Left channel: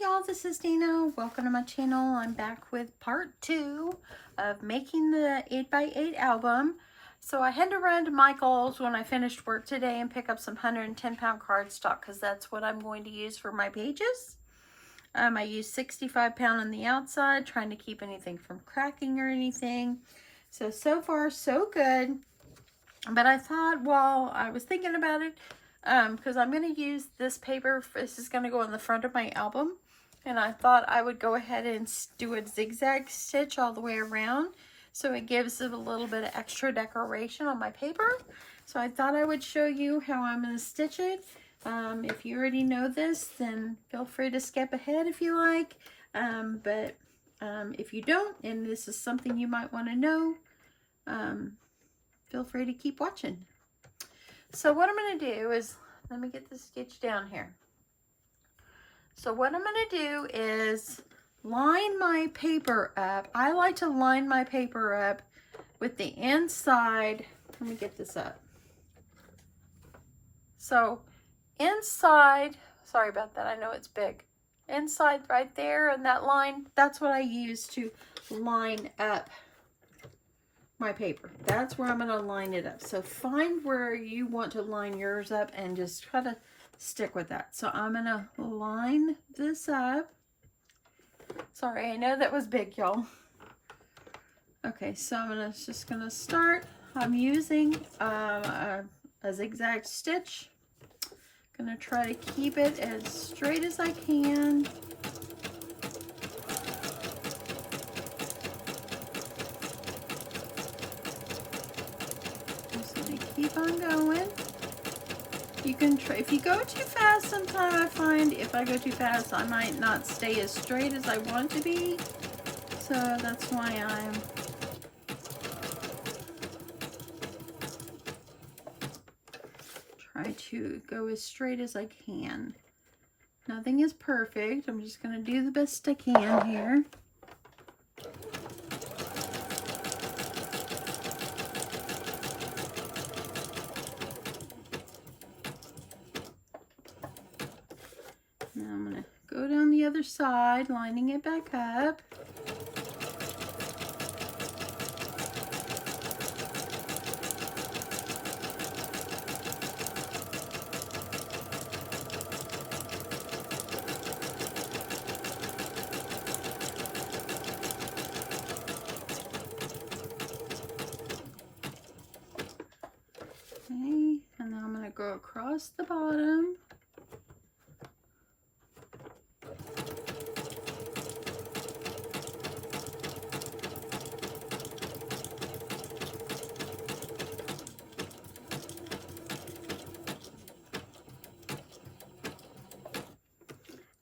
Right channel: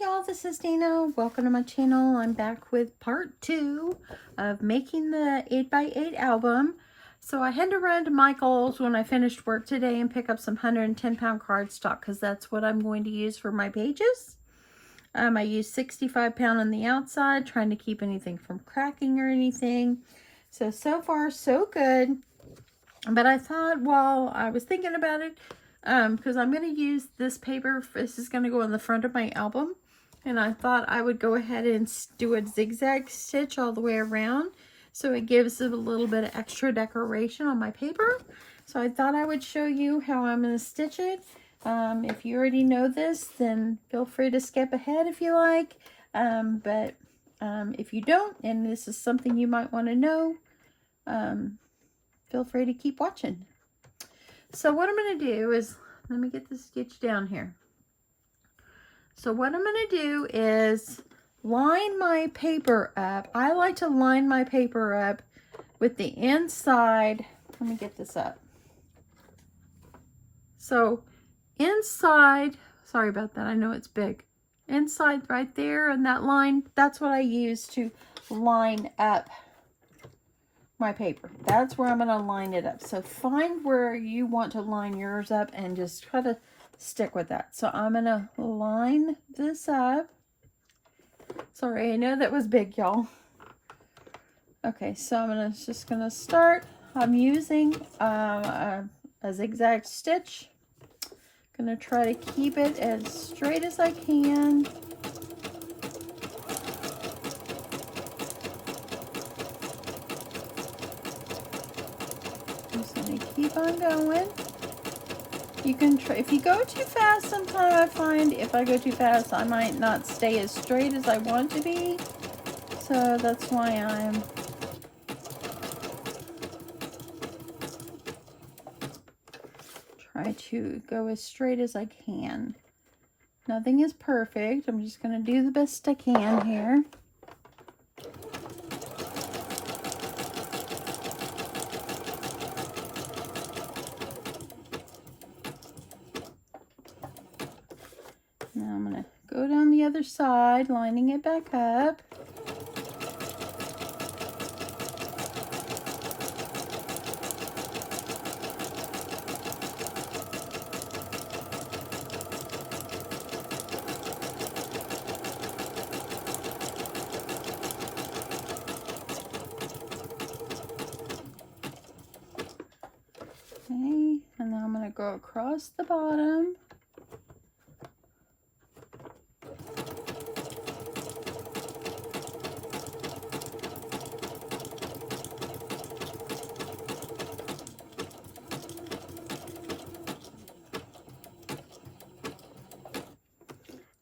y'all, this is Dana. Welcome to my channel. I'm back with part 2 of making the 8x8 album. So I had to run to Michael's when I finished work today and pick up some 110-pound cardstock because that's what I'm going to use for my pages. I used 65-pound on the outside, trying to keep anything from cracking or anything. So far so good. But I thought, while I was thinking about it, because I'm going to use this paper, this is going to go on the front of my album, and I thought I would go ahead and do a zigzag stitch all the way around, so it gives it a little bit of extra decoration on my paper. So I thought I would show you how I'm going to stitch it. If you already know this, then feel free to skip ahead if you like, but if you don't, and this is something you might want to know, feel free to keep watching. So what I'm going to do is, let me get this stitch down here. So what I'm going to do is line my paper up. I like to line my paper up with the inside. Let me get this up. So inside, sorry about that, I know it's big. Inside right there in that line, that's what I use to line up my paper. That's where I'm going to line it up. So find where you want to line yours up and just try to stick with that. So I'm going to line this up. Sorry, I know that was big, y'all. Okay, so I'm just going to start. I'm using a zigzag stitch. I'm going to try to keep it as straight as I can. Keep on going. You can try, if you go too fast, sometimes I find if I go too fast, I might not stay as straight as I want to be. So that's why I'm try to go as straight as I can. Nothing is perfect. I'm just going to do the best I can here. Now I'm going to go down the other side, lining it back up. Okay, and then I'm going to go across the bottom.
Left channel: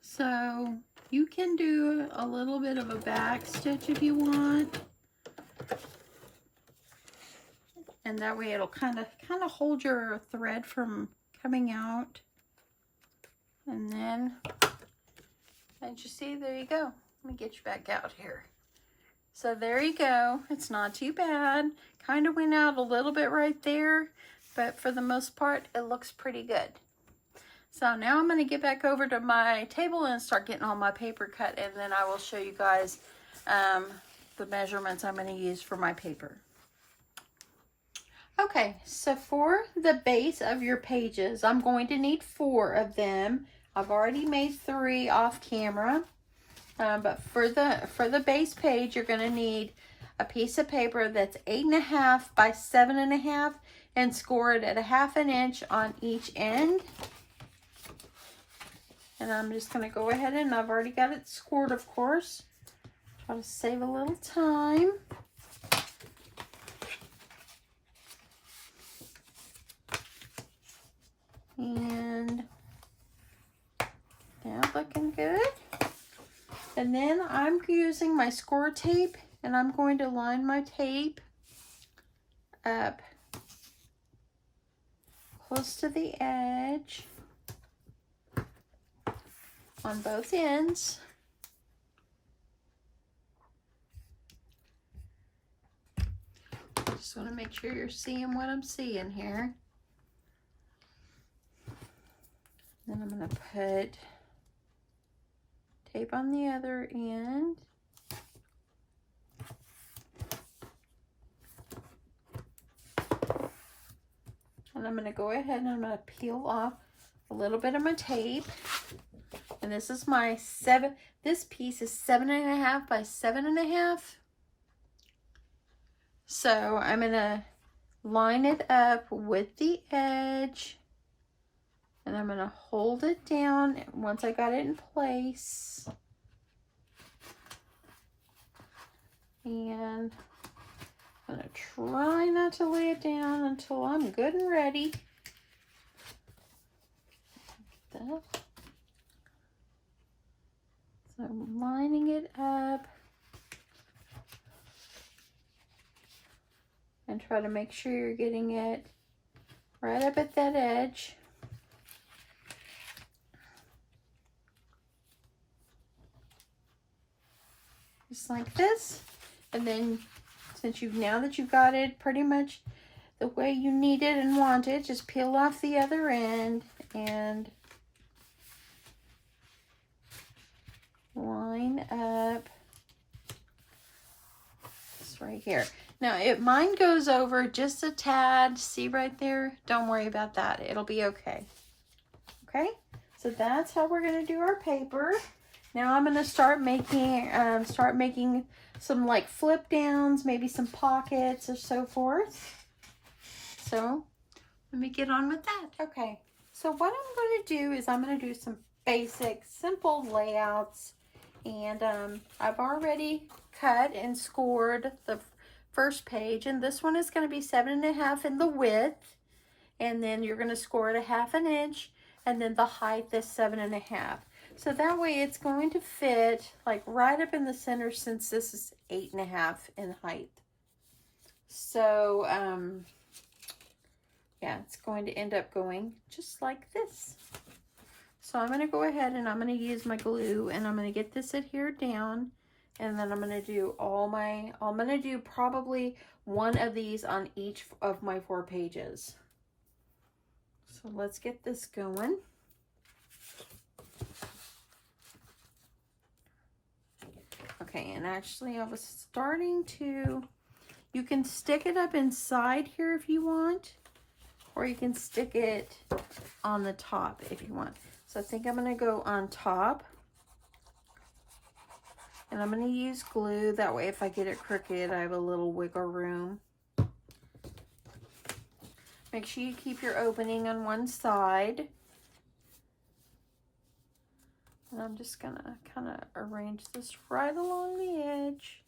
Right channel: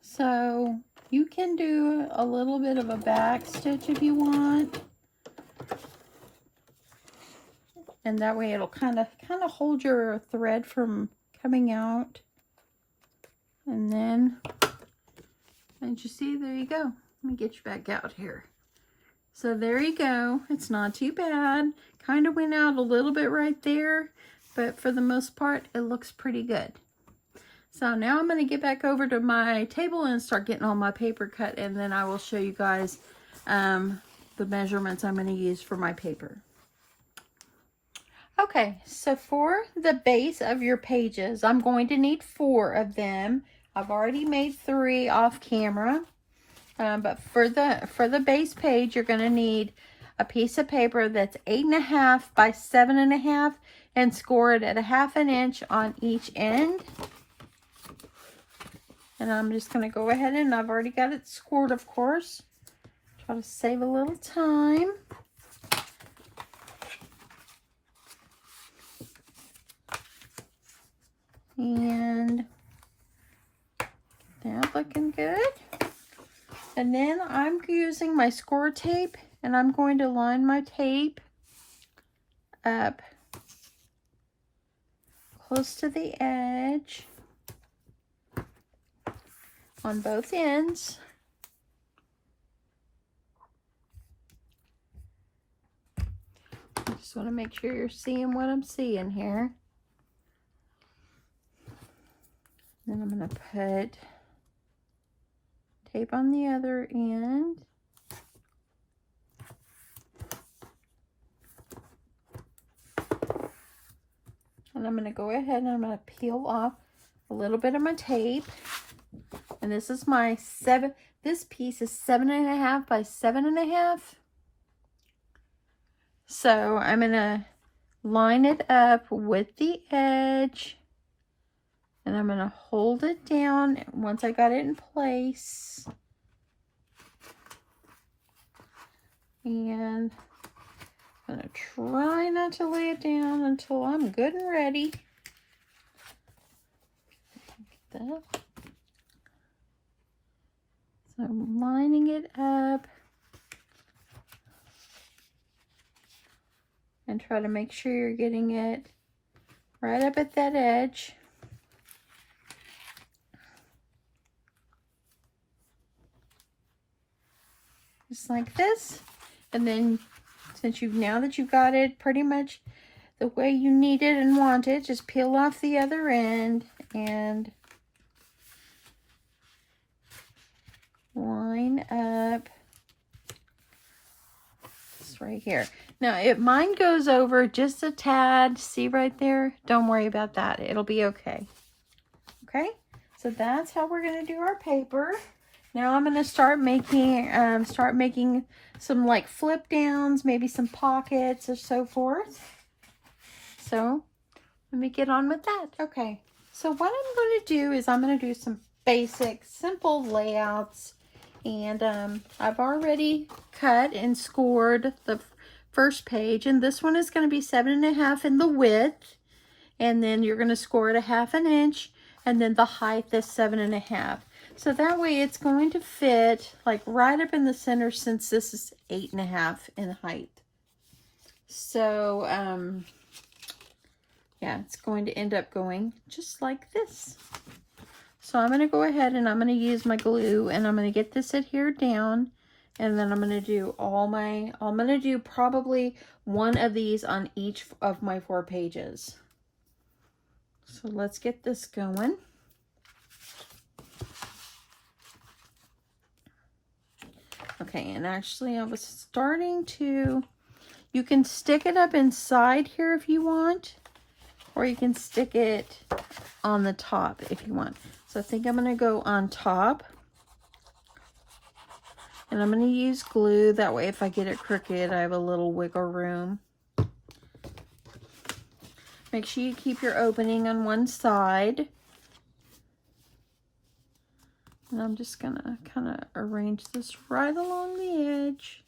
So you can do a little bit of a back stitch if you want, and that way it'll kind of hold your thread from coming out. And then, and you see, there you go. Let me get you back out here. So there you go. It's not too bad. Kind of went out a little bit right there, but for the most part, it looks pretty good. So now I'm going to get back over to my table and start getting all my paper cut, and then I will show you guys the measurements I'm going to use for my paper. Okay, so for the base of your pages, I'm going to need 4 of them. I've already made 3 off camera, but for the base page, you're going to need a piece of paper that's 8.5 by 7.5 and score it at 1/2 inch on each end. And I'm just going to go ahead, and I've already got it scored, of course. Try to save a little time. And that's looking good. And then I'm using my score tape, and I'm going to line my tape up close to the edge on both ends. Just want to make sure you're seeing what I'm seeing here. Then I'm going to put tape on the other end. And I'm going to go ahead and I'm going to peel off a little bit of my tape. And this is my this piece is 7.5 by 7.5. So I'm going to line it up with the edge. And I'm going to hold it down once I got it in place. And I'm going to try not to lay it down until I'm good and ready. Get that. So I'm lining it up. And try to make sure you're getting it right up at that edge. Just like this. And then since now that you've got it pretty much the way you need it and want it, just peel off the other end and line up this right here. Now, if mine goes over just a tad, see right there? Don't worry about that. It'll be okay. Okay? So that's how we're going to do our paper. Now I'm going to start making some like flip downs, maybe some pockets or so forth. So let me get on with that. Okay. So what I'm going to do is I'm going to do some basic, simple layouts. And I've already cut and scored the first page, and this one is going to be 7.5 in the width, and then you're going to score it 1/2 inch, and then the height is 7.5. So that way it's going to fit like right up in the center, since this is 8.5 in height. So yeah, it's going to end up going just like this. So I'm going to go ahead and I'm going to use my glue, and I'm going to get this adhered down. And then I'm going to do I'm going to do probably one of these on each of my 4 pages. So let's get this going. Okay, and actually I was starting to, you can stick it up inside here if you want, or you can stick it on the top if you want. So I think I'm going to go on top. And I'm going to use glue. That way if I get it crooked, I have a little wiggle room. Make sure you keep your opening on one side. And I'm just going to kind of arrange this right along the edge.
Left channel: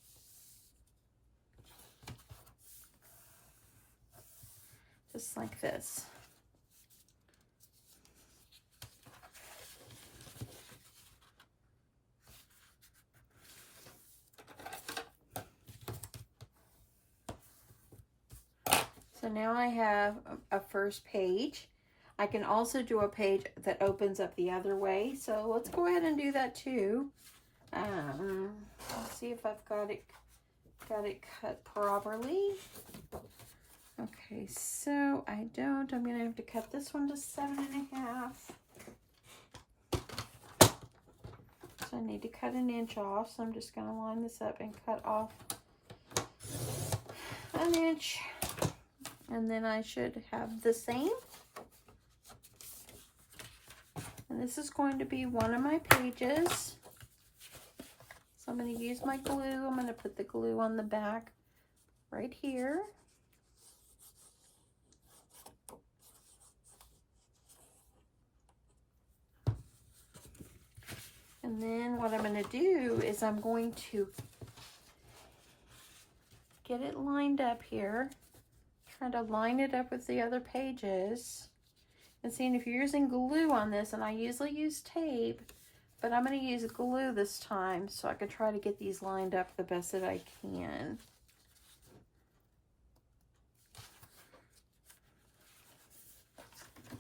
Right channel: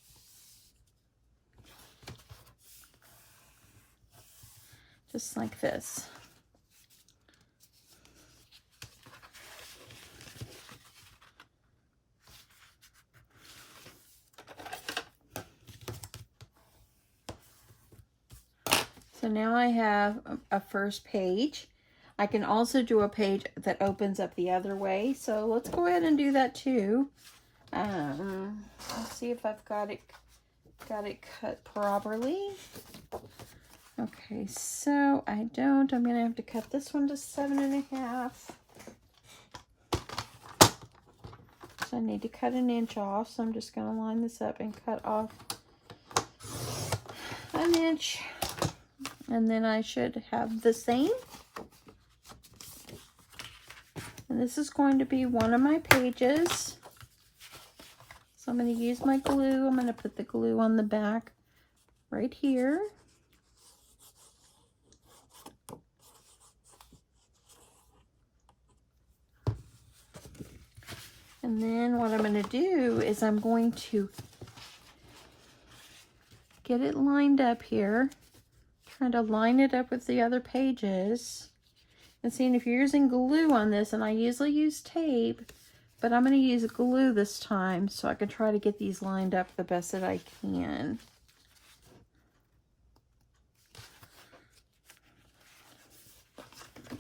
Just like this. So now I have a first page. I can also do a page that opens up the other way. So let's go ahead and do that too. Let's see if I've got it cut properly. Okay, so I don't. I'm gonna have to cut this one to 7.5. So I need to cut an inch off. So I'm just gonna line this up and cut off an inch. And then I should have the same. And this is going to be one of my pages. So I'm going to use my glue. I'm going to put the glue on the back right here. And then what I'm going to do is I'm going to get it lined up here. Trying to line it up with the other pages. And seeing if you're using glue on this, and I usually use tape, but I'm going to use glue this time so I can try to get these lined up the best that I can.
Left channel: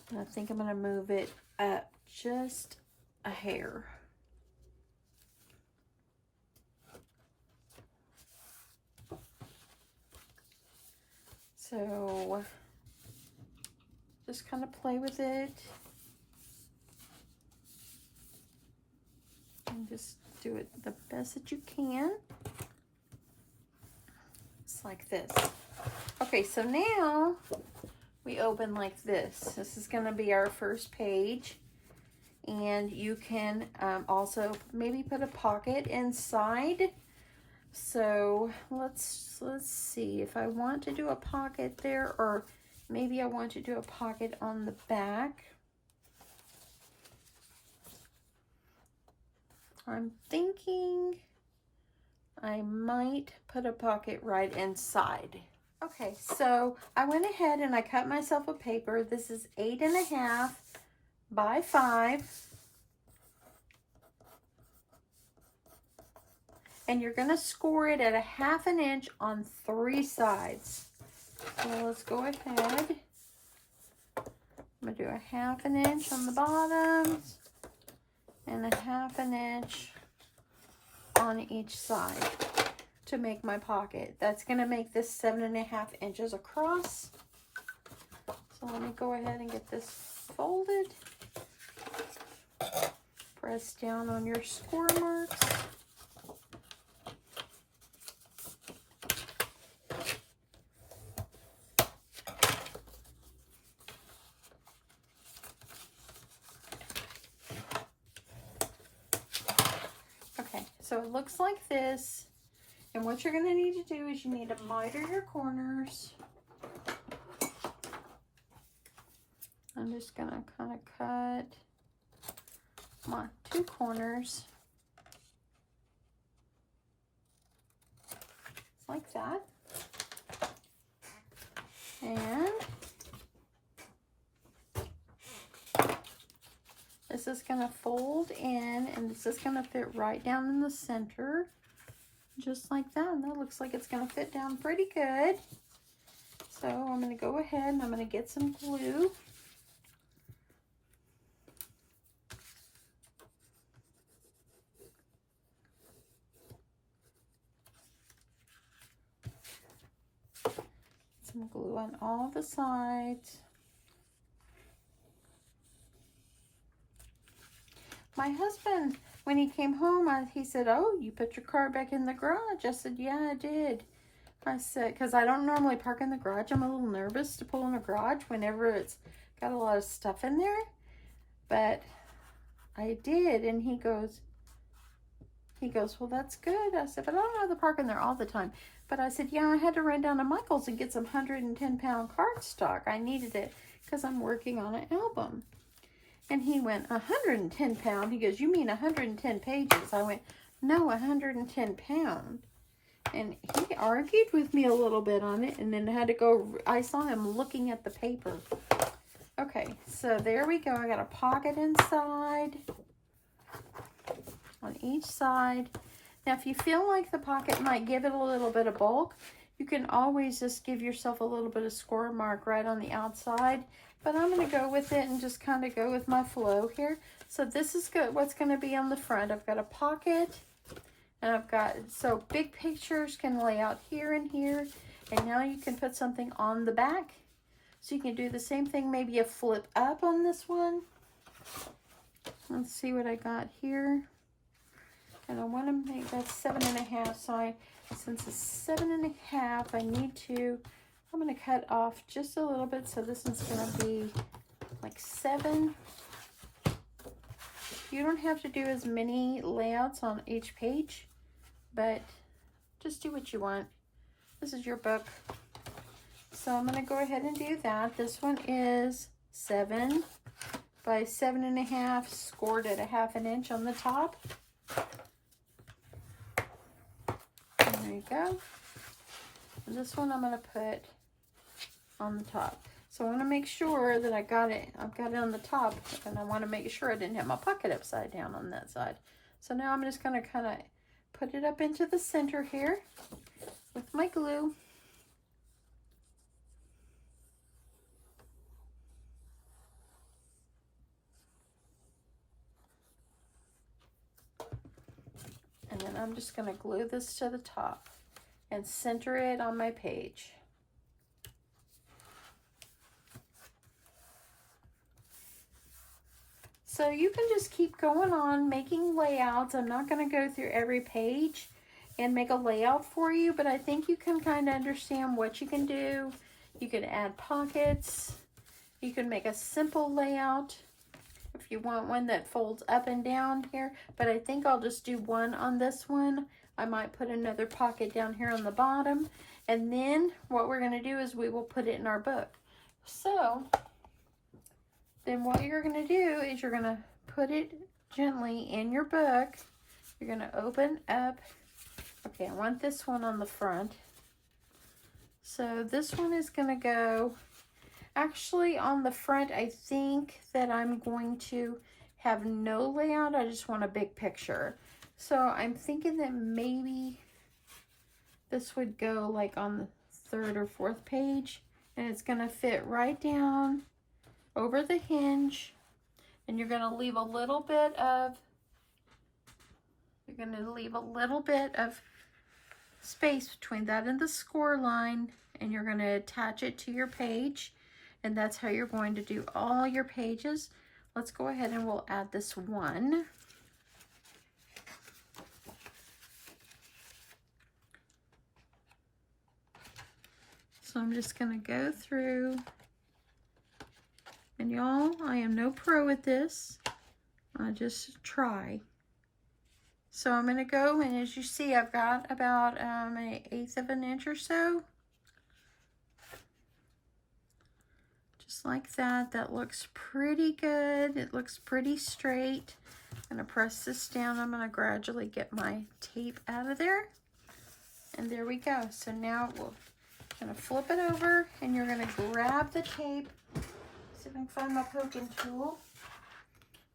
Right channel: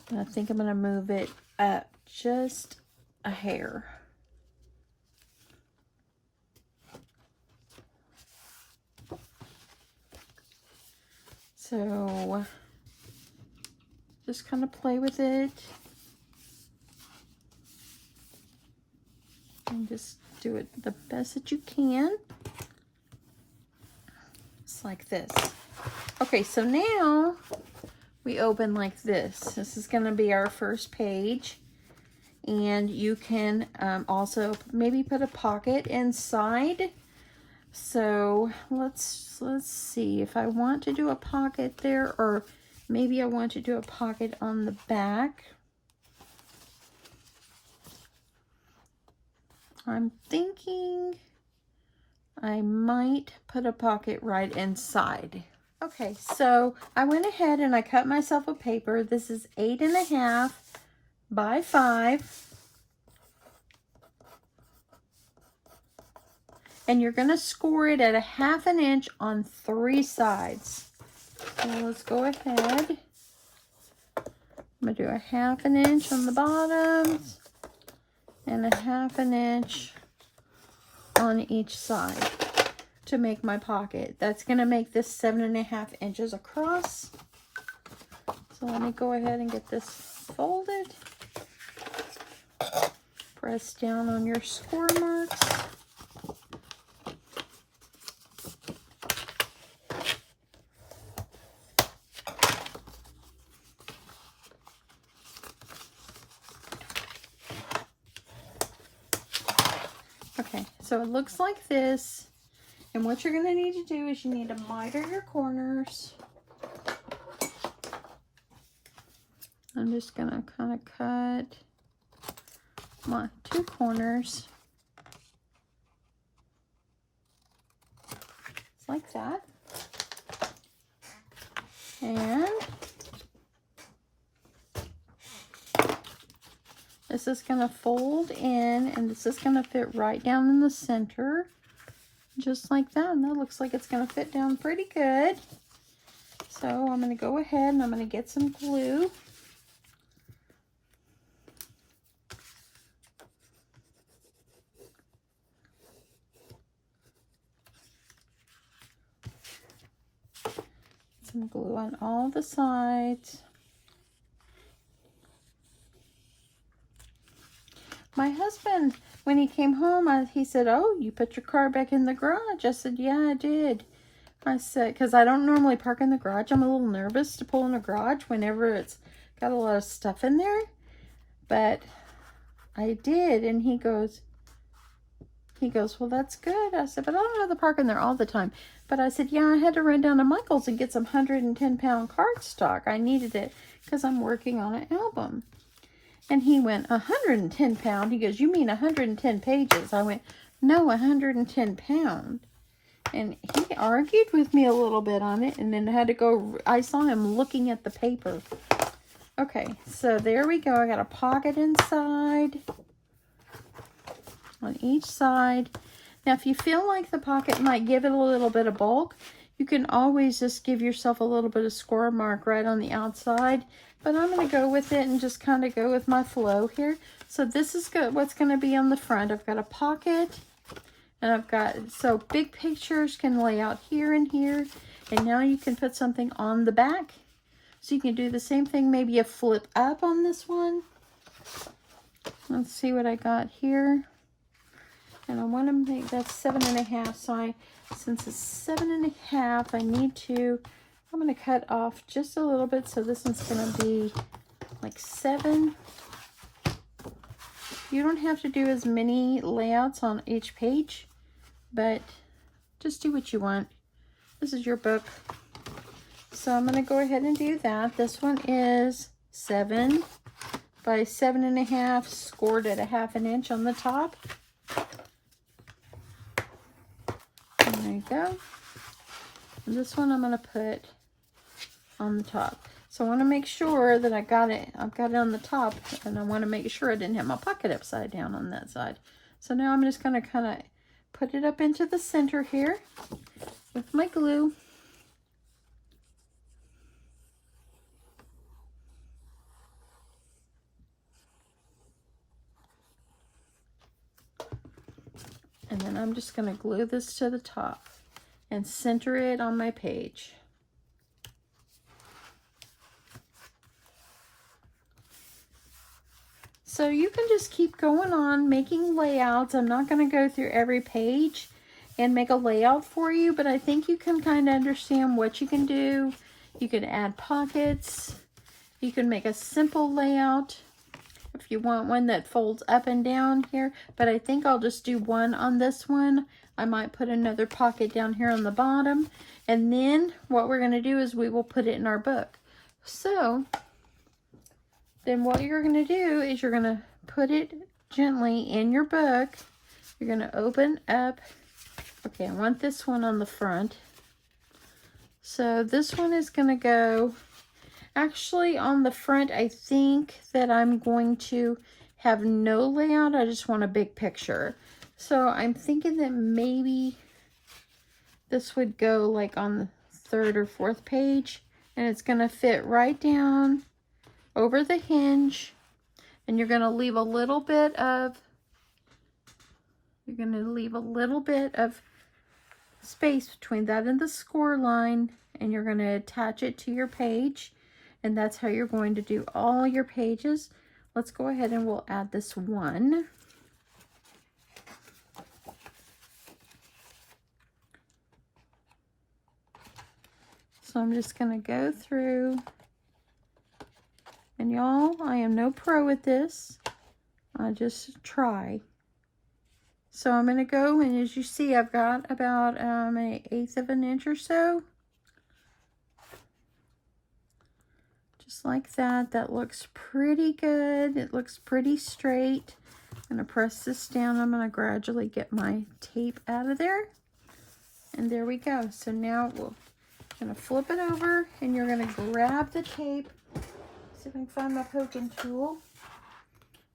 And I think I'm going to move it up just a hair. So just kind of play with it and just do it the best that you can. It's like this. Okay, so now we open like this. This is going to be our first page. And you can also maybe put a pocket inside. So let's see if I want to do a pocket there, or maybe I want to do a pocket on the back. I'm thinking I might put a pocket right inside. Okay, so I went ahead and I cut myself a paper. This is 8.5 by 5. And you're going to score it at 1/2 inch on 3 sides. So let's go ahead. I'm going to do 1/2 inch on the bottoms and 1/2 inch on each side to make my pocket. That's going to make this 7.5 inches across. So let me go ahead and get this folded. Press down on your score marks. Okay, so it looks like this. And what you're going to need to do is you need to miter your corners. I'm just going to kind of cut my 2 corners. It's like that. And this is going to fold in, and this is going to fit right down in the center, just like that. And that looks like it's going to fit down pretty good. So I'm going to go ahead and I'm going to get some glue. Some glue on all the sides. My husband, when he came home, he said, "Oh, you put your car back in the garage." I said, "Yeah, I did." I said, because I don't normally park in the garage. I'm a little nervous to pull in the garage whenever it's got a lot of stuff in there. But I did, and he goes, "Well, that's good." I said, "But I don't have to park in there all the time." But I said, "Yeah, I had to run down to Michael's and get some 110-pound cardstock. I needed it because I'm working on an album." And he went, 110 pound? He goes, "You mean 110 pages? I went, "No, 110 pound. And he argued with me a little bit on it, and then had to go, I saw him looking at the paper. Okay, so there we go. I got a pocket inside on each side. Now, if you feel like the pocket might give it a little bit of bulk, you can always just give yourself a little bit of score mark right on the outside. But I'm going to go with it and just kind of go with my flow here. So this is good. What's going to be on the front. I've got a pocket, and I've got, so big pictures can lay out here and here. And now you can put something on the back. So you can do the same thing, maybe a flip up on this one. Let's see what I got here. And I want to make that 7.5. So since it's 7.5, I need to, I'm going to cut off just a little bit. So this one's going to be like 7. You don't have to do as many layouts on each page, but just do what you want. This is your book. So I'm going to go ahead and do that. This one is 7 by 7.5, scored at 1/2 inch on the top. And there you go. And this one I'm going to put on the top. So I want to make sure that I got it. I've got it on the top, and I want to make sure I didn't have my pocket upside down on that side. So now I'm just going to kind of put it up into the center here with my glue. And then I'm just going to glue this to the top and center it on my page. So you can just keep going on making layouts. I'm not going to go through every page and make a layout for you, but I think you can kind of understand what you can do. You can add pockets. You can make a simple layout if you want one that folds up and down here, but I think I'll just do one on this one. I might put another pocket down here on the bottom, and then what we're going to do is we will put it in our book. So then what you're going to do is you're going to put it gently in your book. You're going to open up. Okay, I want this one on the front. So this one is going to go, actually on the front, I think that I'm going to have no layout. I just want a big picture. So I'm thinking that maybe this would go like on the 3rd or 4th page, and it's going to fit right down over the hinge, and you're going to leave a little bit of space between that and the score line, and you're going to attach it to your page, and that's how you're going to do all your pages. Let's go ahead and we'll add this one. So I'm just going to go through, and y'all, I am no pro at this. I just try. So I'm going to go, and as you see, I've got about an 1/8 of an inch or so. Just like that. That looks pretty good. It looks pretty straight. I'm going to press this down. I'm going to gradually get my tape out of there. And there we go. So now we're going to flip it over, and you're going to grab the tape. See if I can find my poking tool.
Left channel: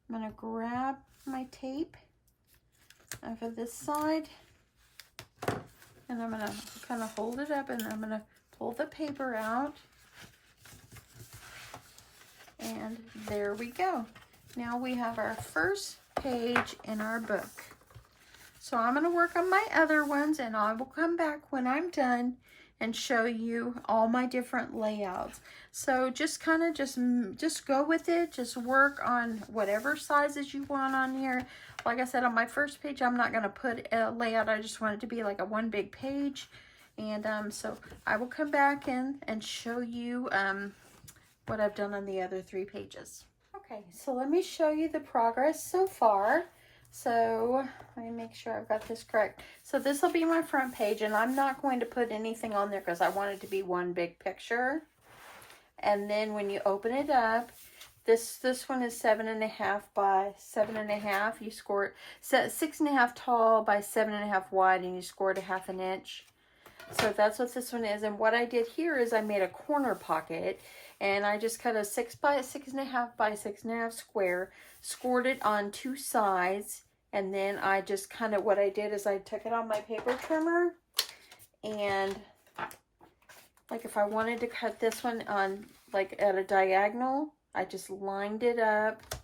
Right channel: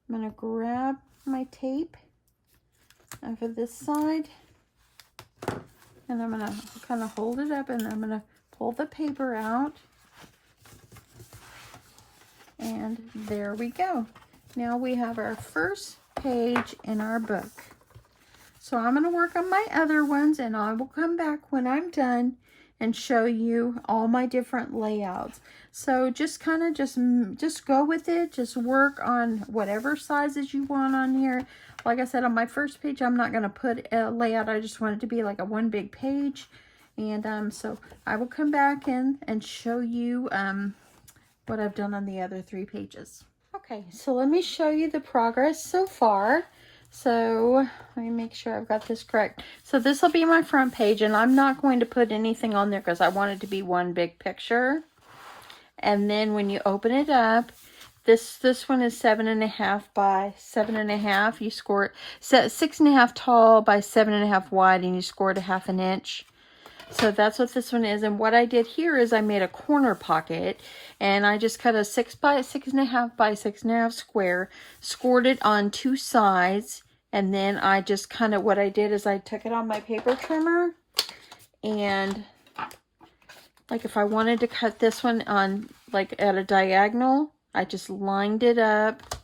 I'm going to grab my tape over this side, and I'm going to kind of hold it up, and I'm going to pull the paper out, and there we go. Now we have our first page in our book. So I'm going to work on my other ones, and I will come back when I'm done and show you all my different layouts. So just kind of just go with it. Just work on whatever sizes you want on here. Like I said, on my first page, I'm not going to put a layout. I just want it to be like a one big page. And so I will come back in and show you what I've done on the other 3 pages. Okay, so let me show you the progress so far. So let me make sure I've got this correct. So this will be my front page, and I'm not going to put anything on there because I want it to be one big picture. And then when you open it up, this one is 7.5 by 7.5. You score it 6.5 tall by 7.5 wide, and you score it 1/2 inch. So that's what this one is. And what I did here is I made a corner pocket, and I just cut a 6 by 6.5 by 6.5 square, scored it on 2 sides, and then I just kind of, what I did is I took it on my paper trimmer, and like if I wanted to cut this one on like at a diagonal, I just lined it up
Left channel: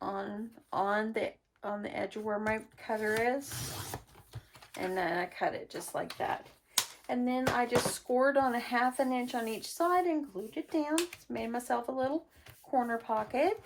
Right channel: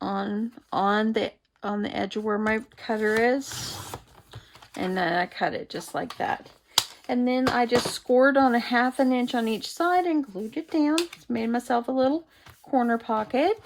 on the edge of where my cutter is, and then I cut it just like that. And then I just scored on 1/2 inch on each side and glued it down. Made myself a little corner pocket.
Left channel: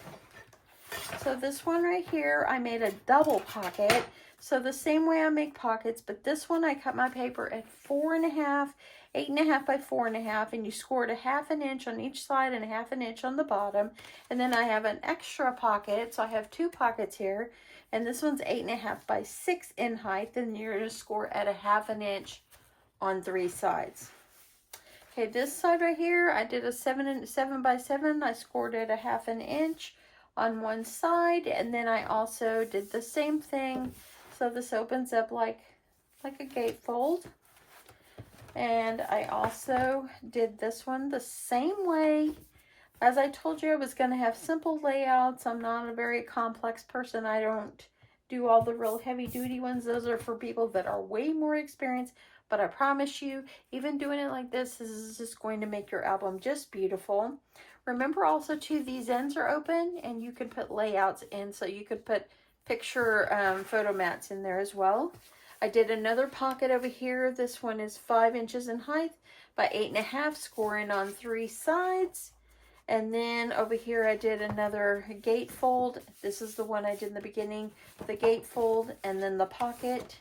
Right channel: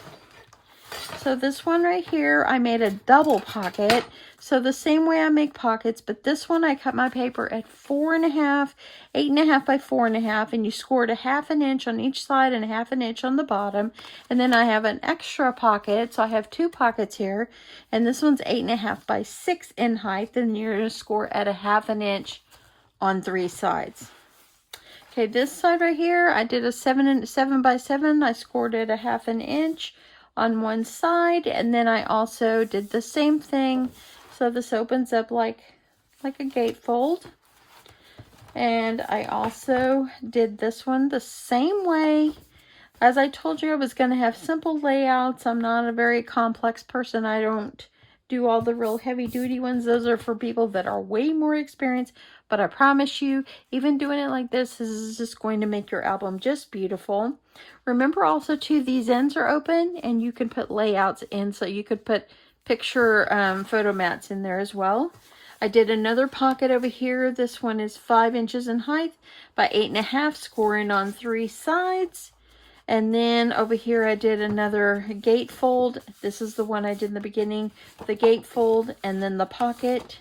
So this one right here, I made a double pocket. So the same way I make pockets, but this one I cut my paper at 4.5, 8.5 by 4.5, and you scored 1/2 inch on each side and 1/2 inch on the bottom. And then I have an extra pocket, so I have 2 pockets here, and this one's 8.5 by 6 in height, and you're going to score at 1/2 inch on 3 sides. Okay, this side right here, I did a 7 by 7. I scored it 1/2 inch on one side, and then I also did the same thing. So this opens up like a gatefold. And I also did this one the same way. As I told you, I was going to have simple layouts. I'm not a very complex person. I don't do all the real heavy duty ones. Those are for people that are way more experienced. But I promise you, even doing it like this is just going to make your album just beautiful. Remember also too, these ends are open and you can put layouts in. So you could put picture photo mats in there as well. I did another pocket over here. This one is 5 inches in height by 8.5, scoring on 3 sides. And then over here I did another gatefold. This is the one I did in the beginning. The gatefold and then the pocket.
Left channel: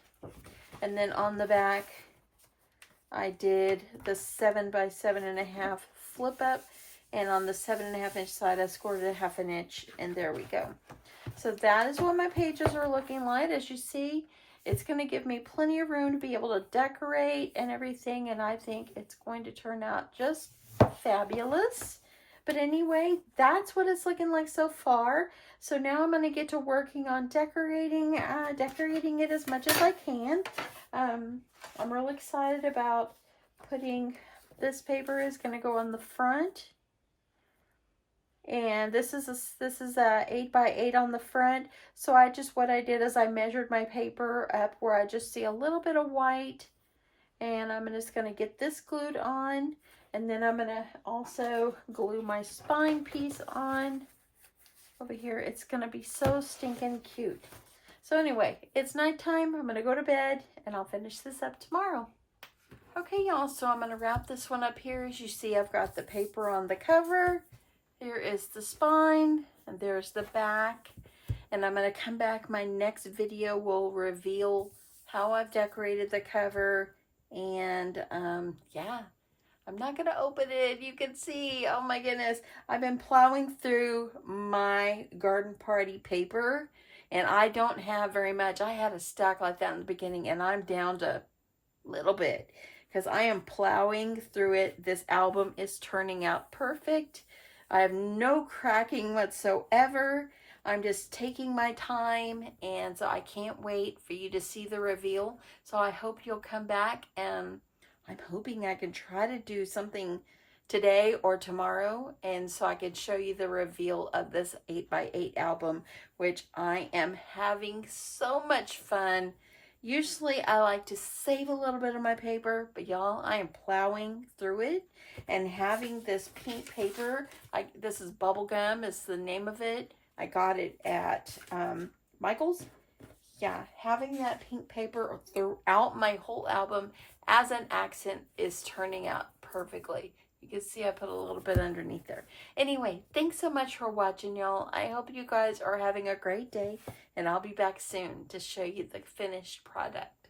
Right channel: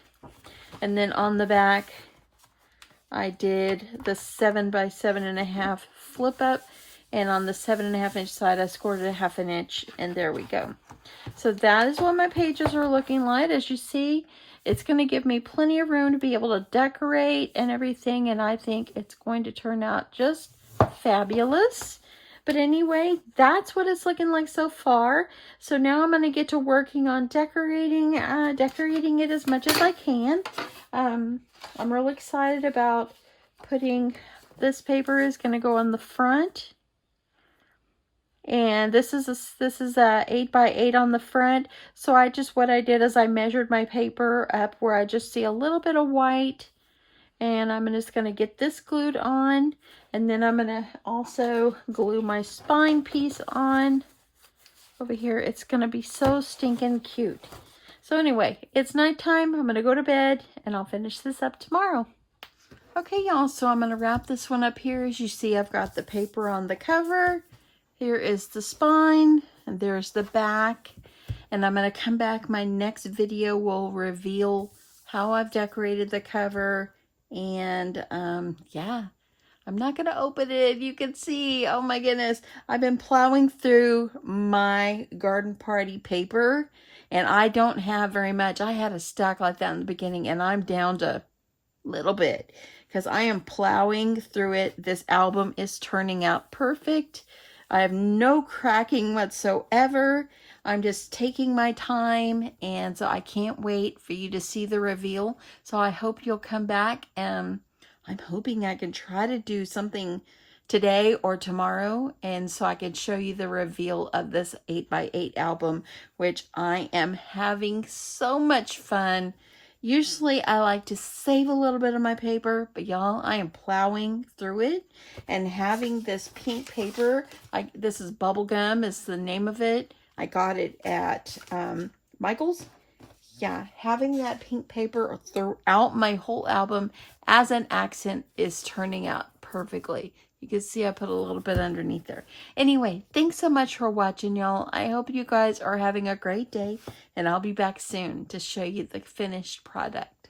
And then on the back I did the 7 by 7.5 flip up. And on the 7.5 inch side I scored it a 1/2 inch. And there we go. So that is what my pages are looking like. As you see, it's going to give me plenty of room to be able to decorate and everything. And I think it's going to turn out just fabulous. But anyway, that's what it's looking like so far. So now I'm going to get to working on decorating it as much as I can. I'm really excited about putting, this paper is going to go on the front. And this is a 8 by 8 on the front. So what I did is I measured my paper up where I just see a little bit of white. And I'm just going to get this glued on. And then I'm going to also glue my spine piece on over here. It's going to be so stinking cute. So anyway, it's nighttime. I'm going to go to bed and I'll finish this up tomorrow. Okay, y'all, so I'm going to wrap this one up here. As you see, I've got the paper on the cover. Here is the spine, and there's the back. And I'm going to come back. My next video will reveal how I've decorated the cover. And yeah, I'm not going to open it. You can see, oh my goodness, I've been plowing through my garden party paper, and I don't have very much. I had a stack like that in the beginning, and I'm down to a little bit because I am plowing through it. This album is turning out perfect. I have no cracking whatsoever. I'm just taking my time, and so I can't wait for you to see the reveal. So I hope you'll come back, and I'm hoping I can try to do something today or tomorrow, and so I can show you the reveal of this 8 by 8 album, which I am having so much fun. Usually I like to save a little bit of my paper, but y'all, I am plowing through it. And having this pink paper, this is Bubblegum is the name of it. I got it at Michael's. Yeah, having that pink paper throughout my whole album as an accent is turning out perfectly. You can see I put a little bit underneath there. Anyway, thanks so much for watching, y'all. I hope you guys are having a great day, and I'll be back soon to show you the finished product.